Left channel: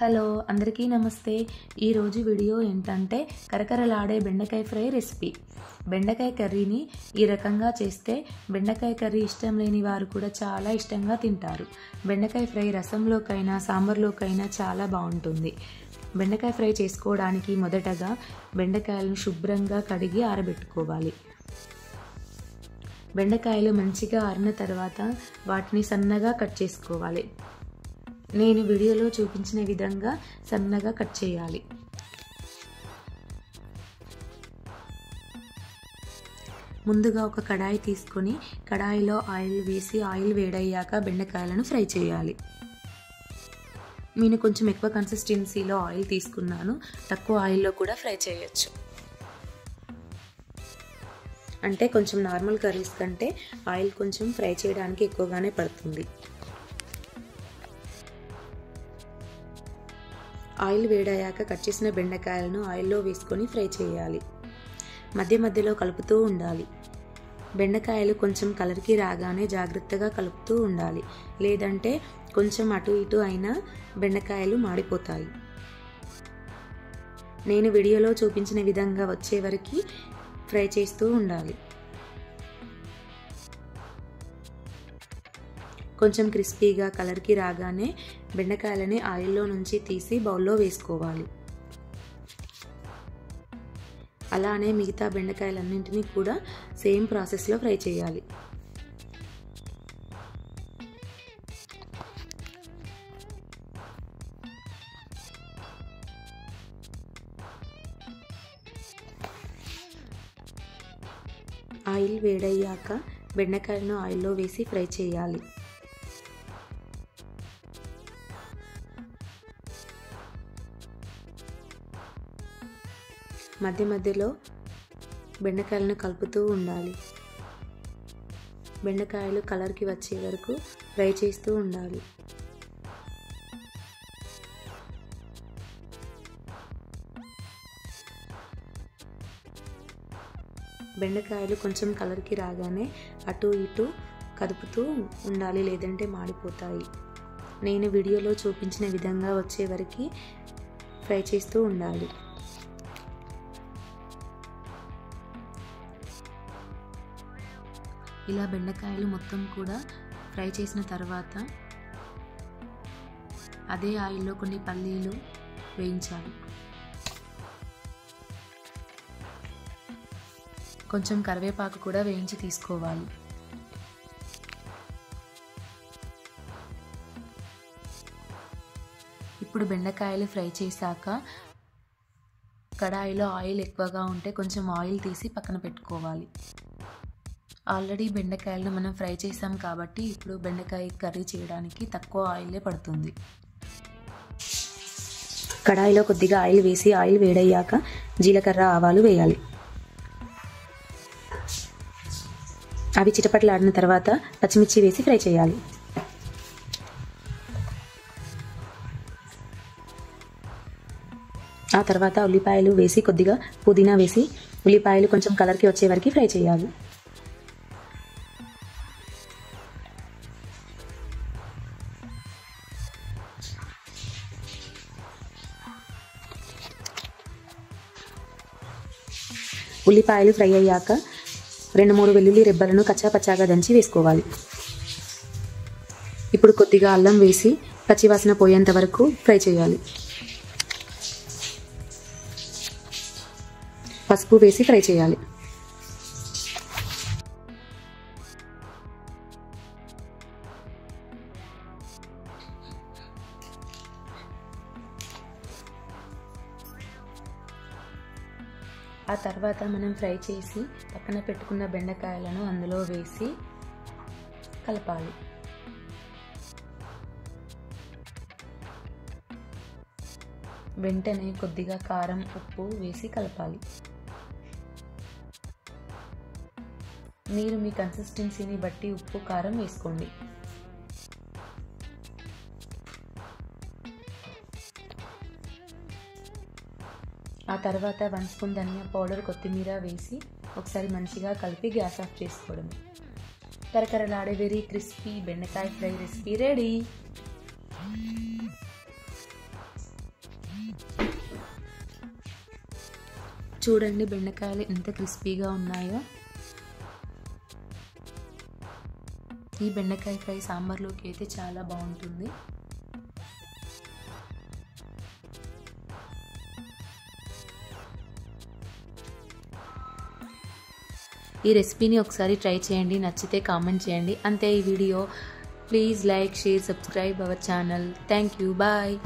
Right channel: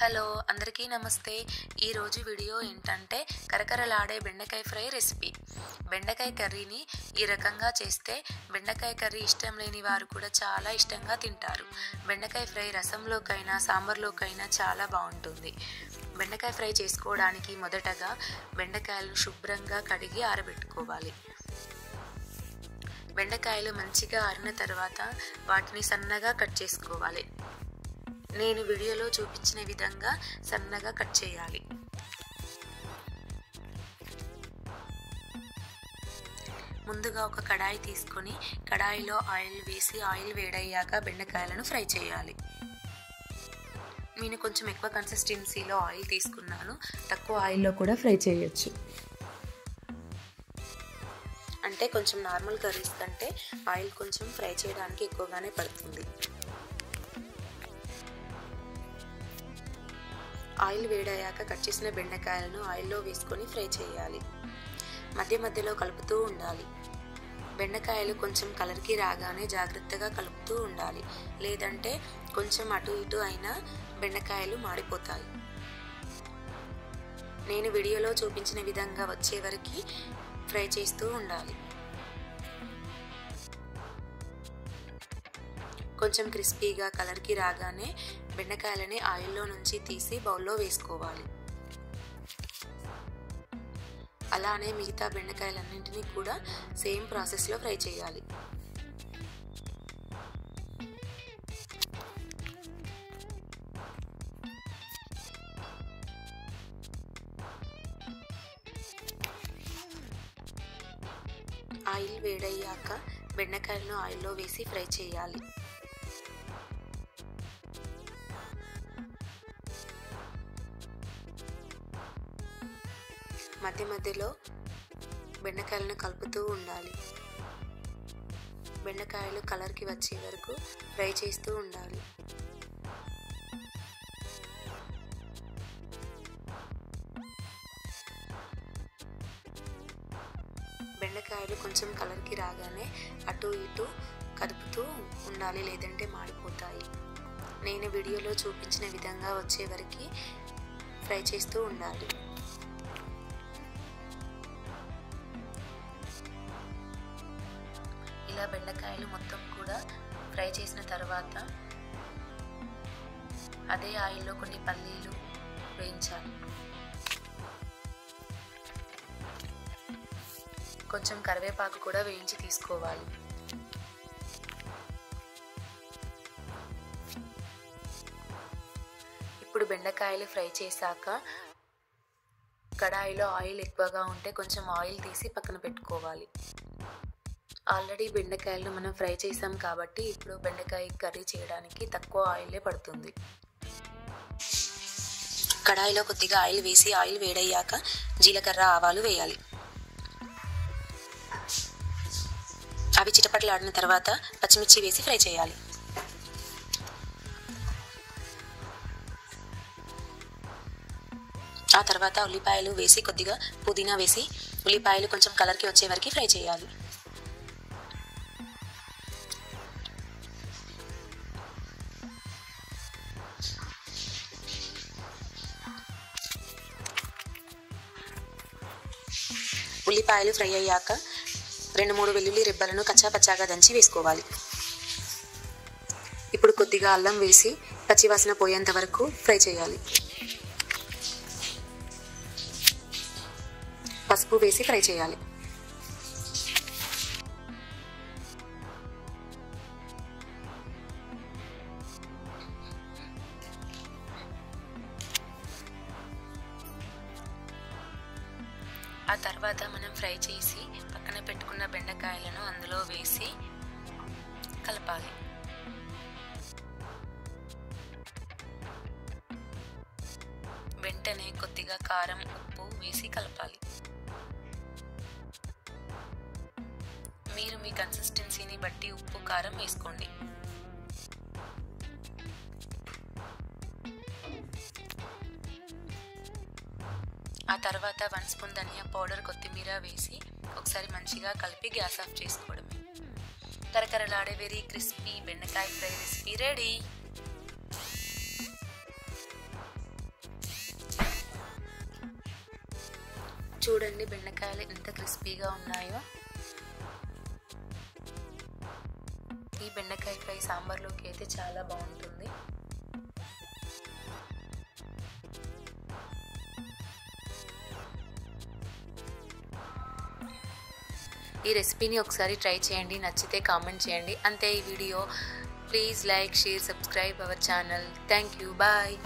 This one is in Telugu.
హలో అందరికీ నమస్తే. ఈరోజు వీడియో ఏంటంటే కరకరలాడే బెండకాయ ఫ్రై రెసిపీ. బెండకాయ కర్రీని ఈ రకంగా చేస్తే బెండకాయ కర్రీ ఇష్టం లేని వారు కూడా చాలా ఇష్టంగా తింటారు. బెండకాయ ఫ్రై రసంలోకైనా సాంబార్లోకైనా చాలా బాగుంటుంది. బెండకాయ ఫ్రై చేసుకోవడానికి మొదటగా బెండకాయలను శుభ్రంగా కడిగి ఆరబెట్టుకోవాలి. బెండకాయలు మంచిగా ఆరిన తర్వాత వాటిని సన్నగా కట్ చేసుకోవాలి. నేను వీడియోలో చూపించిన విధంగా సన్నగా కట్ చేయాలి. ముందుగా ఒక కడాయి తీసుకొని కడాయిలో ఆయిల్ వేసి ఆయిల్ వేడయ్యాక బెండకాయలను ఫ్రై చేయాలి. నేను కొంచెం ఎక్కువ కన్సిస్టెన్సీలో ఆయిల్ తీసుకున్నాను. తక్కువ ఆయిల్లో కూడా ఫ్రై చేయొచ్చు. అంటే కొంచెం నార్మల్ కర్రీస్ కంటే ఆయిల్ కొంచెం ఫ్రై చేయడానికి ఎక్కువగానే పడుతుంది. ఆయిల్ వేడయ్యాక కట్ చేసిన బెండకాయలను ఆయిల్లో వేసుకొని ఫ్రై చేయాలి. మధ్య మధ్యలో కలుపుతూ ఉండాలి. బెండకాయలు కొంచెం కలర్కి రాగానే జాగ్రత్తగా కలుపుతూ ఉండాలి, లేదంటే కొంచెం అటు ఇటు అయినా బెండకాయలు మాడిపోతాయి. నేను వీడియోలో చూపించిన విధంగా వచ్చే వరకు ఫ్రై చేస్తూ ఉండాలి. కొంచెం క్రిస్పీగా కలర్కి రాగానే బెండకాయలని ఆయిల్లో నుంచి తీసి బౌల్లో వేసుకోవాలి. అలానే మిగతా బెండకాయలన్నింటినీ కూడా సేమ్ ప్రాసెస్లో ఫ్రై చేయాలి. ఆయిల్ వేడయ్యాక బెండకాయలను ఆయిల్లో వేసి ఫ్రై చేయాలి. మధ్య మధ్యలో బెండకాయలను కలుపుతూ ఉండాలి. బెండకాయలు కలర్కి వచ్చే వరకు ఫ్రై చేస్తూ ఉండాలి. బెండకాయలు కొంచెం కలర్కి రాగానే అటు ఇటు కదుపుతూ ఉండాలి, లేదంటే మాడిపోతాయి. నేను వీడియోలో చూపించిన విధంగా వచ్చే వరకు ఫ్రై చేస్తూ ఉండాలి. ఇలా బెండకాయలు మొత్తం కూడా ఫ్రై చేసిన తర్వాత అదే ఆయిల్లో కొన్ని పల్లీలు వేయించాలి. కొంచెం కరివేపాకు కూడా వేయించి తీసుకోవాలి. ఇప్పుడు బెండకాయలు ఫ్రై చేశాక కడాయిలో ఆయిల్ ఎక్కువగా ఉంటే కొంచెం ఆయిల్ తీసి పక్కన పెట్టుకోవాలి. ఆల్రెడీ బెండకాయలను మనం ఫ్రై చేసాం కాబట్టి ఇప్పుడు బెండకాయ కర్రీ చేయడానికి తక్కువ ఆయిలే పడుతుంది. కడాయిలో కొద్దిగా ఆయిల్ వేసి ఆయిల్ వేడయ్యాక జీలకర్ర ఆవాలు వేయాలి. అవి చిటపటలాడిన తర్వాత పచ్చిమిర్చి వేసి ఫ్రై చేయాలి. ఆ తర్వాత ఉల్లిపాయలు వేసి కొద్దిగా పుదీనా వేసి ఉల్లిపాయలు కొంచెం కలర్కి వచ్చే వరకు ఫ్రై చేయాలి. ఉల్లిపాయలు ఫ్రై అయ్యాక 2-3 వెల్లుల్లి రెబ్బలను కచ్చాపచ్చాగా దంచి వేసుకోవాలి. ఇప్పుడు కొద్దిగా అల్లం వేసి పచ్చివాసన పోయేంత వరకు ఫ్రై చేయాలి. పసుపు వేసి ఫ్రై చేయాలి. ఆ తర్వాత మనం ఫ్రై చేసి పక్కన పెట్టుకున్న బెండకాయలను అందులో వేసి కలపాలి. వెంటనే కొద్దిగా కారం, ఉప్పు వేసి కలపాలి. మీరు మీ కన్సిస్టెన్సీని బట్టి ఉప్పు, కారం వేసుకోండి. ఆ తర్వాత 1 స్పూన్ ధనియా పౌడర్, కొత్తిమీర వేసి ఒకసారి మంచిగా కలిపి గ్యాస్ ఆఫ్ చేసుకోవడమే. కరకరలాడే వెరీ క్రిస్పీ బెండకాయ ఫ్రై రెసిపీ రెడీ. చూడండి బెండకాయలు ఎంత క్రిస్పీగా ఉన్నాయో. ఈ బెండకాయ ఫ్రై సాంబార్లోకి అయితే చాలా బాగుంటుంది. ఈ రెసిపీని ఒకసారి ట్రై చేయండి, నచ్చితే కామెంట్ చేయండి. అంతే ఈ వీడియో. Please like, share, subscribe our channel. Thank you. Bye.